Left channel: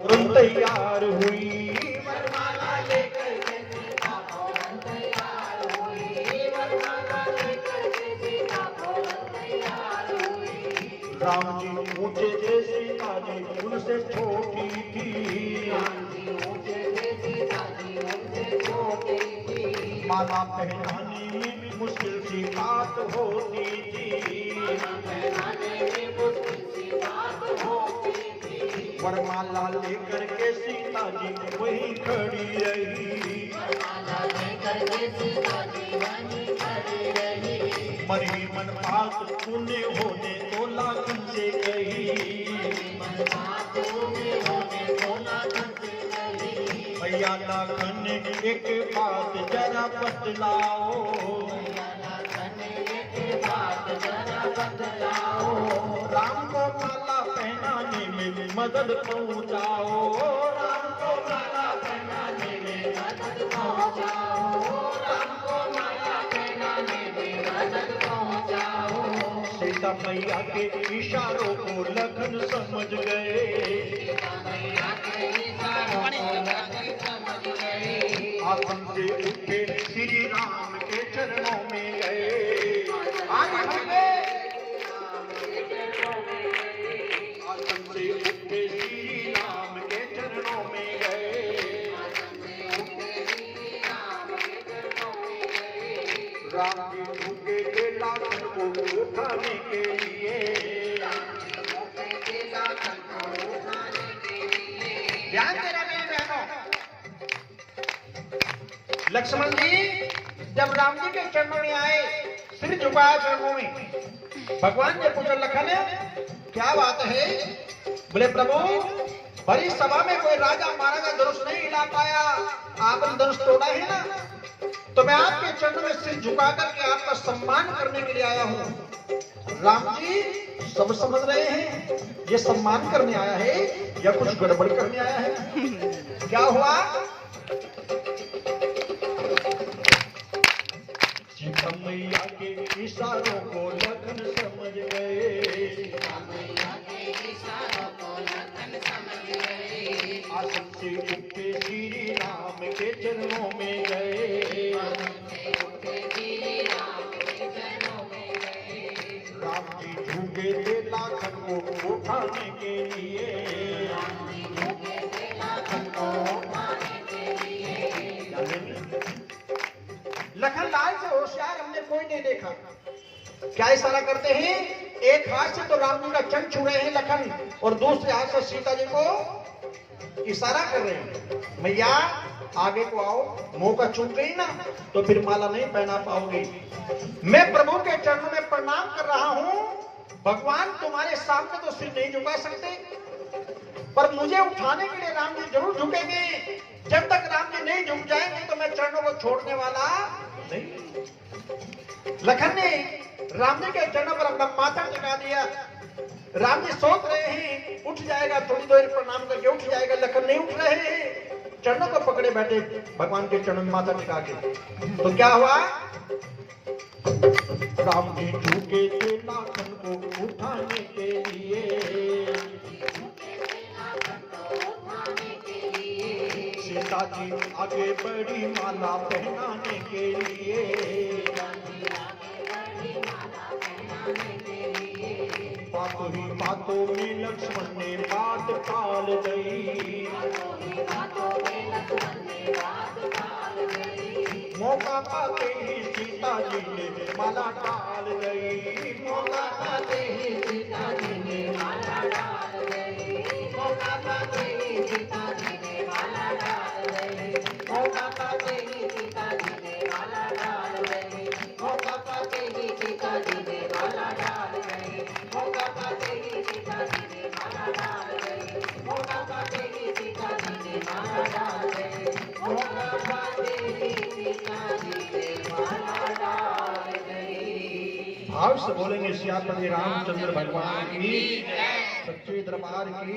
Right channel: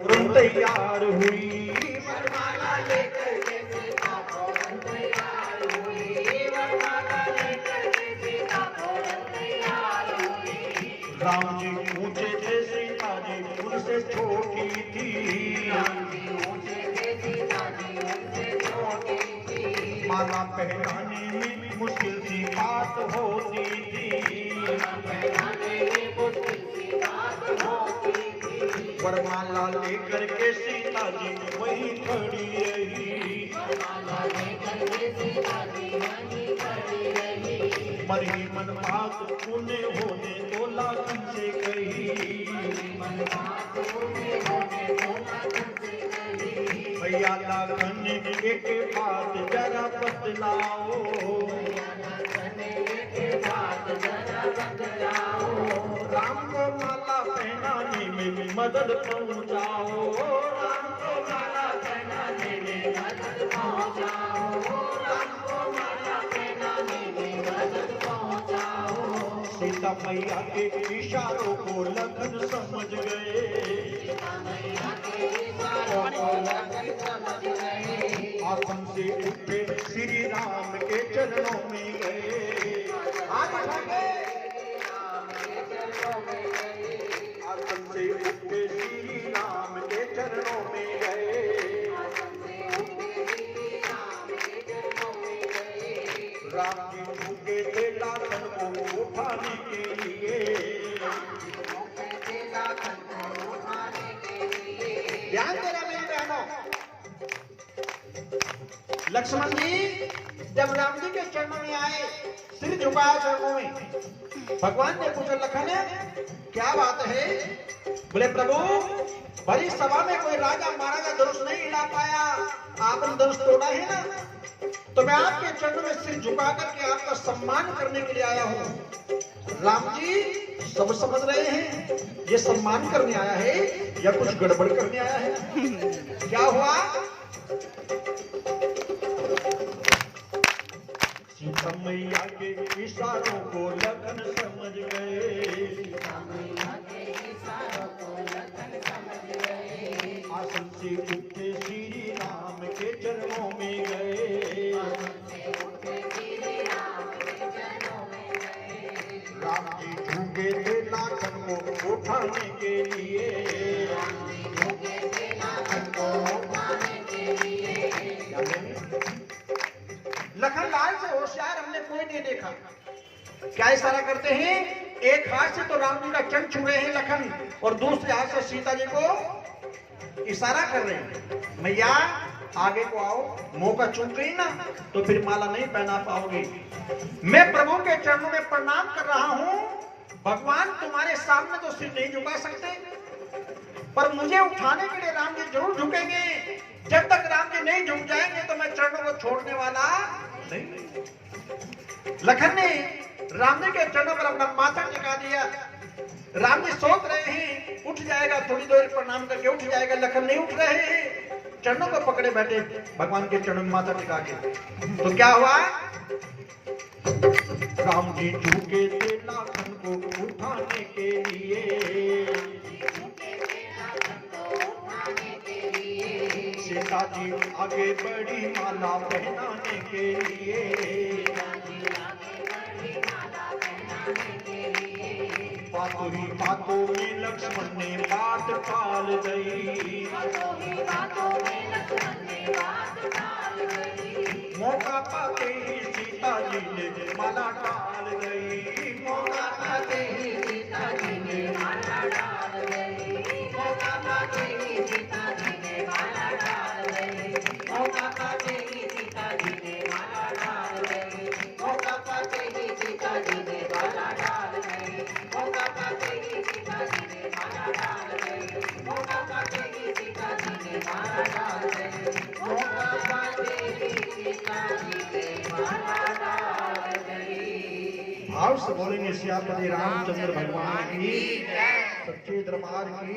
तैयार हुई वरमाला लेकर के सीता फौरन तैयार हुई। वरमाला लेकर के सीता फौरन तैयार हुई। राम जी ऊंचे थे सीता जी उनसे छोटी थी। राम जी ऊंचे थे सीता जी उनसे छोटी थी। माला पहनाने में मुश्किल सी बात होती थी। माला पहनाने में मुश्किल सी बात होती थी। वरमाला लेकर के सीता जी वहीं खड़ी रही। वरमाला लेकर के सीता जी वहीं खड़ी रही। मरी मन बात तूने होने तो लाखन से कही। मन बात उन्हें होने को लाखन से कही। भैया लाखन एक बात जरा बतलाओ। राम को माला पहनाने में मदद पहुंचाओ। राम को माला पहनाने में मदद पहुंचाओ। राम को माला पहनाने में मदद पहुंचाओ। सीता मैया के इशारों को लखन समझ गए। सीता मैया के इशारों को लखन समझ गए। आसन से उठे श्री राम के चरणों में गए। आसन से उठे श्री राम के चरणों में गए। राम जी झुके थे लाखन को उठाने के लिए। ध्यान देना मेरी बहनों। लक्ष्मण जी जब राम जी के चरणों में आए, सिर झुकाया चरणों में, भगवान ने पूछा लखन क्या बात है? बोले प्रभु बड़ी सभा में कोई राजा महाराजा धनुष नहीं हिला पाया, आपने धनुष तोड़ा है ना, तो मैं आपके चरणों में सिर झुका करके आपका सम्मान करने के लिए आया हूँ। राम जी सब समझ रहे हैं ये सम्मान करने आया है या कुछ गड़बड़ करने आया है। क्या हुआ? सीता मैया के इशारों को लखन समझ गए। सीता मैया के इशारों को लखन समझ गए। आसन से उठे श्री राम के चरणों में गए। राम जी झुके थे लाखन को उठाने के लिए। लखन लाल से होशियार हमने कोई नहीं देखा। क्या इशारा करते हैं? एक हाथ से तो राम जी का चरण छू रहे हैं लखन, और दूसरे हाथ से सीता जी को इशारा कर रहे हैं। मैया आगे को आओ, मौका चूक गई ना तो फिर माला नहीं पहना पाओगी। मैं प्रभु के चरणों में प्रणाम कर रहा हूँ। भगवान तुम्हारे सामने तो सिर नहीं झुका सकते, पर मुझे उठाने के लिए राम जी जरूर झुकेंगे। जब तक राम जी नहीं झुक जाएंगे तो मैं चरणों को छोड़ने वाला नहीं। लखन ने राम जी के चरणों पर अपना माथा टिका दिया। राम जी सोच रहे हैं उठ जाएगा, थोड़ी देर प्रणाम करके उठ जाएगा। लखन नहीं उठ रहे हैं, चरणों को पकड़े बैठे भगवान के चरणों में माथा टिका के। तो क्या हुआ? राम जी झुके थे लाखन को उठाने के लिए। सीता जी आगे बढ़ी माला पहनाने के लिए। बातों ही बातों में लक्ष्मण ने बात टाल गई। मौका पाते ही सीता जी ने माला डाल गई। मौका पाते ही सीता जी ने माला डाल गई। मौका पाते ही सीता जी ने माला डाल गई। मौका पाते ही सीता जी ने माला डाल गई। मौका पाते ही सीता जी ने माला डाल गई। मौका पाते ही सीता जी ने माला डाल गई। मौका पाते ही सीता जी ने माला डाल गई। मौका पाते ही सीता जी ने माला डाल गई। भाव से बोलेंगे श्यामपति रामचंद्र भगवान की, सच्चे दरबार की।